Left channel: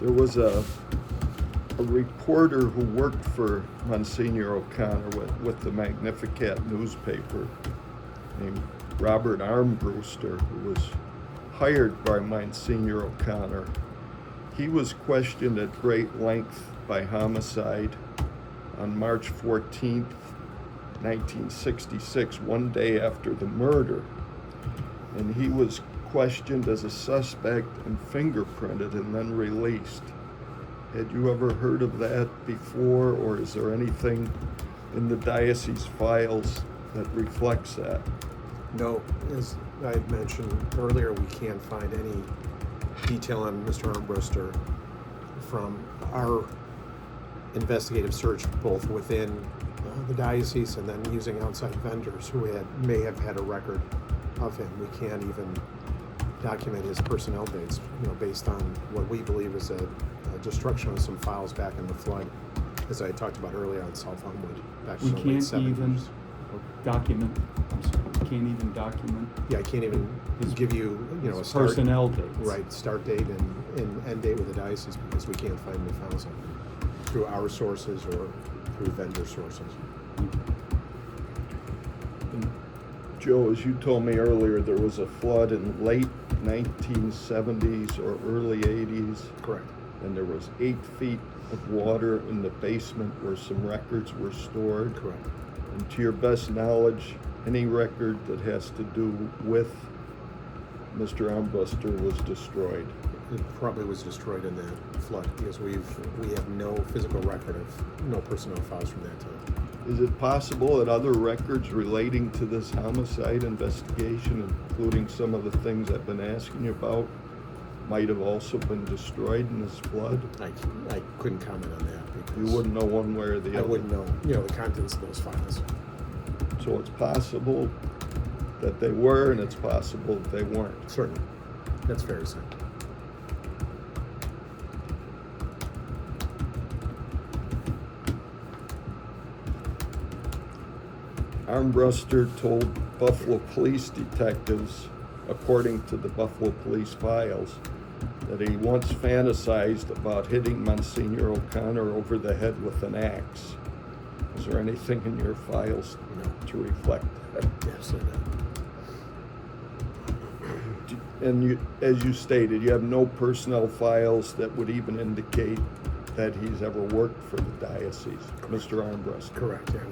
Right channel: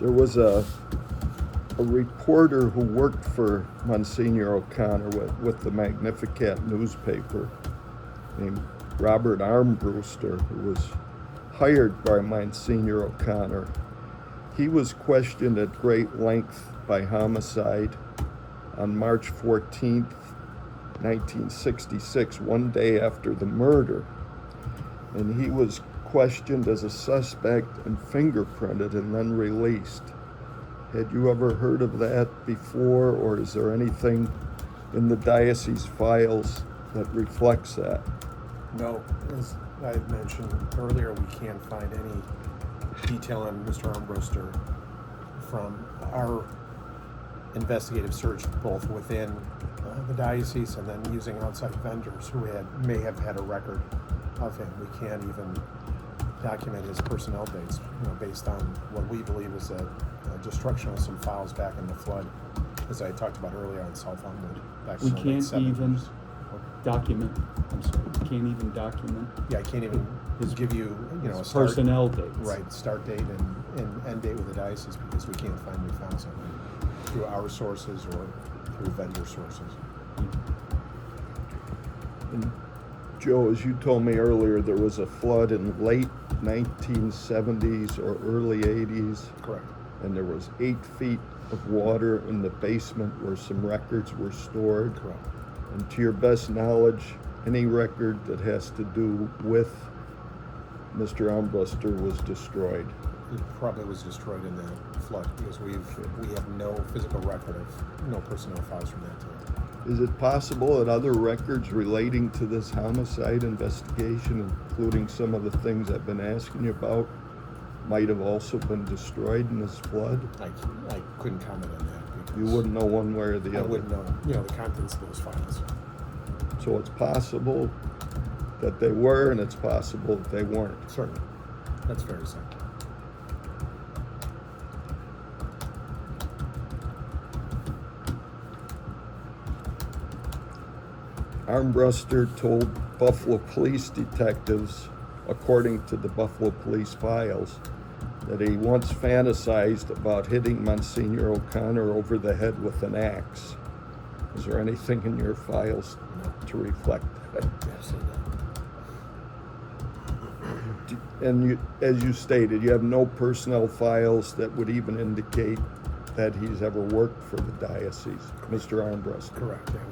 There was a reporter who worked for Monsignor O'Connor with the Magnificat newspaper named Robert Armbruster, who was hired by Monsignor O'Connor. He was questioned at great length by Homicide on March 14th, 1966, one day after the murder. And he was questioned as a suspect and fingerprinted and then released. Had you ever heard of that before, or is there anything in the diocese files that reflects that? No, as I had mentioned earlier, we can't find any detail on Mr. Armbruster from our investigative search, both within the diocese and then using outside vendors who may have had a record of him. We can't even document his personnel dates, based on what we believe is a destruction of some files back in the flood, as I talked about earlier on South Elmwood back in the late 70s. Even document. I'm sorry, you can't even document. Yeah, I can't even give you, a start, personnel dates. Right, start date and end date with the diocese, because we can't find any files on him through our sources or through vendor sources. And Joe, as you told me earlier, there was a flood in late 1970s or early 80s. Correct. And there was 8 feet of water in the basement where some records were stored. Correct. And to your best knowledge, any record that has to do with Mr. Armbruster was destroyed. It probably was destroyed in that flood, because we have no physical record of no personnel files from that time. Is it possible that other records relating to this homicide investigation, including some of the things I've been asking you about, might have also been destroyed in this flood? I couldn't comment on that, because You wouldn't know one way or the other. I wouldn't know, the contents of those files. So it's possible that they were, and it's possible that they weren't. Certainly, that's fair to say. Armbruster told Buffalo police detectives, according to the Buffalo police files, that he once fantasized about hitting Monsignor O'Connor over the head with an axe. Is there anything in your files to reflect that? Absolutely not. And you, as you stated, you have no personnel files that would even indicate that he's ever worked for the diocese, Mr. Armbruster. Correct. Yeah,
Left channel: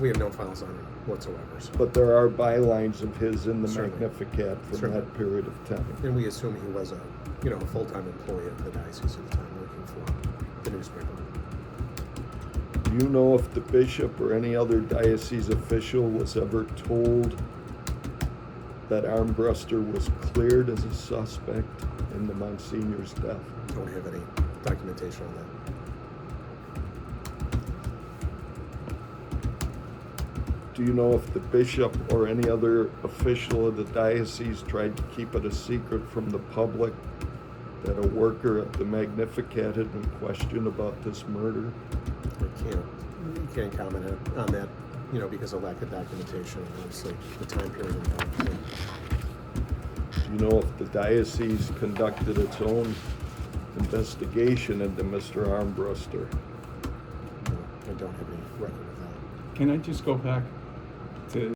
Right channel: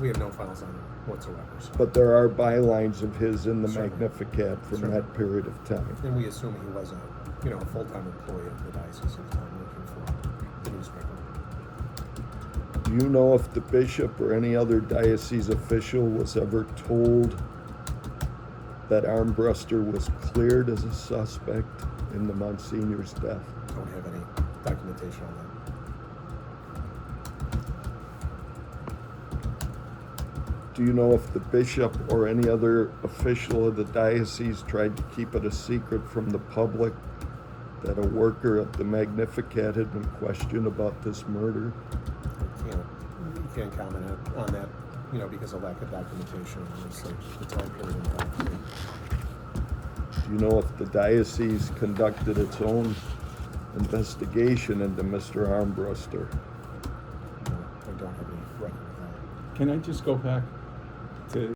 we have no files on him whatsoever. So. But there are bylines of his in the Certainly. Magnificat from Certainly. that period of time. And we assume he was a full-time employee of the diocese at the time, working for the newspaper. Do you know if the bishop or any other diocese official was ever told that Armbruster was cleared as a suspect in the Monsignor's death? Don't have any documentation on that. Do you know if the bishop or any other official of the diocese tried to keep it a secret from the public that a worker at the Magnificat had been questioned about this murder? You can't comment on that, because of lack of documentation, obviously, the time period involved. Do you know if the diocese conducted its own investigation into Mr. Armbruster? No, I don't have any record of that. Can I just go back